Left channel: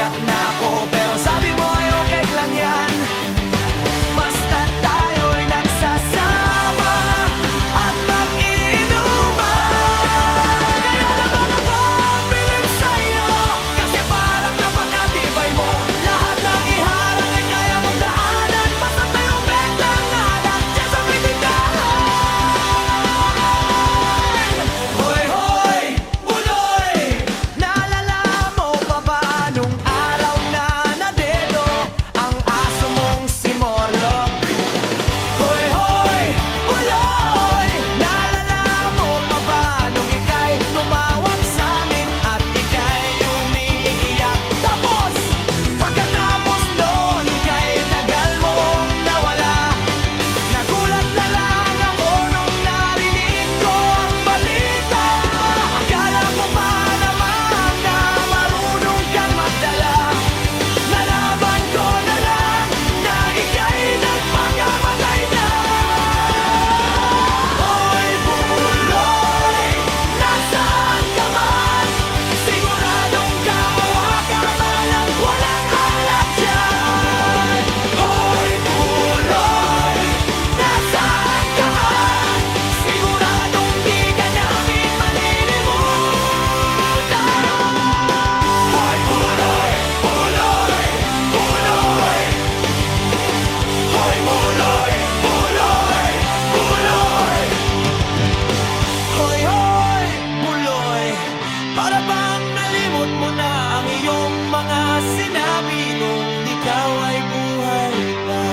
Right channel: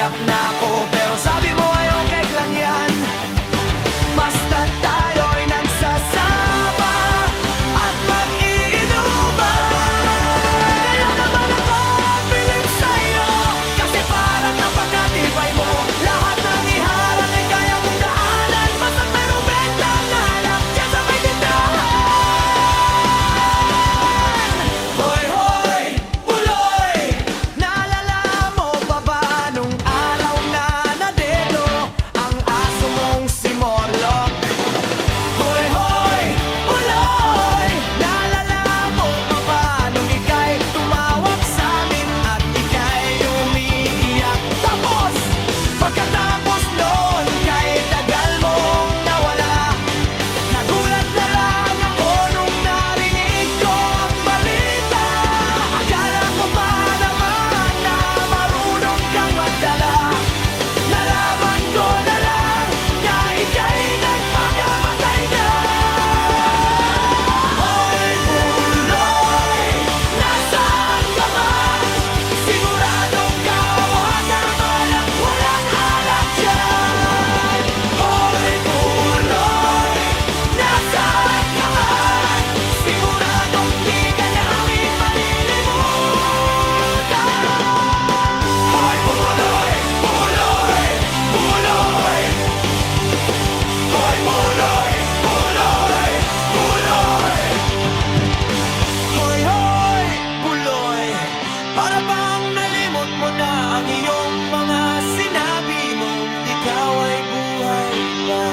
umiiyak na ako, pero sabi mo ay okay lang yan. Basta tayo'y nagsasama at mag-iinuman. Kaya naman ako bilib sa'yo, kasi parang napakatibay mo. Lahat ng iharang ay kaya mong daanan, basta't mayroong bentang alak dyan sa may tindahan. Hoy, hoy, buloy! Naalala mo pa ba nung araw na nadedo ang aso mong si Morlock? Hoy, hoy, buloy! Naalala mo pa ba nung ika'y tumawag sa'min at ika'y umiiyak? Tapos, pagkatapos noon kay tagal mong nawala, nagulat na lang ako nung narinig ko ang balita. Akala ko pa naman na marunong kang magdala, nalaman ko na lang na ika'y nagpakamatay na. Hoy, buloy! Nasaan ka man? Siguradong kawagamalang walang alak dyan. Hoy, buloy! Nasaan ka man? Siguradong di ka namin malilimutan. Hoy, buloy! Buloy! Buloy! Hoy, buloy! Buloy! Buloy! Hoy, hoy, buloy! Para bang nalimot mo na ang iyong mga sinabi nung ikaw ay buhay pa?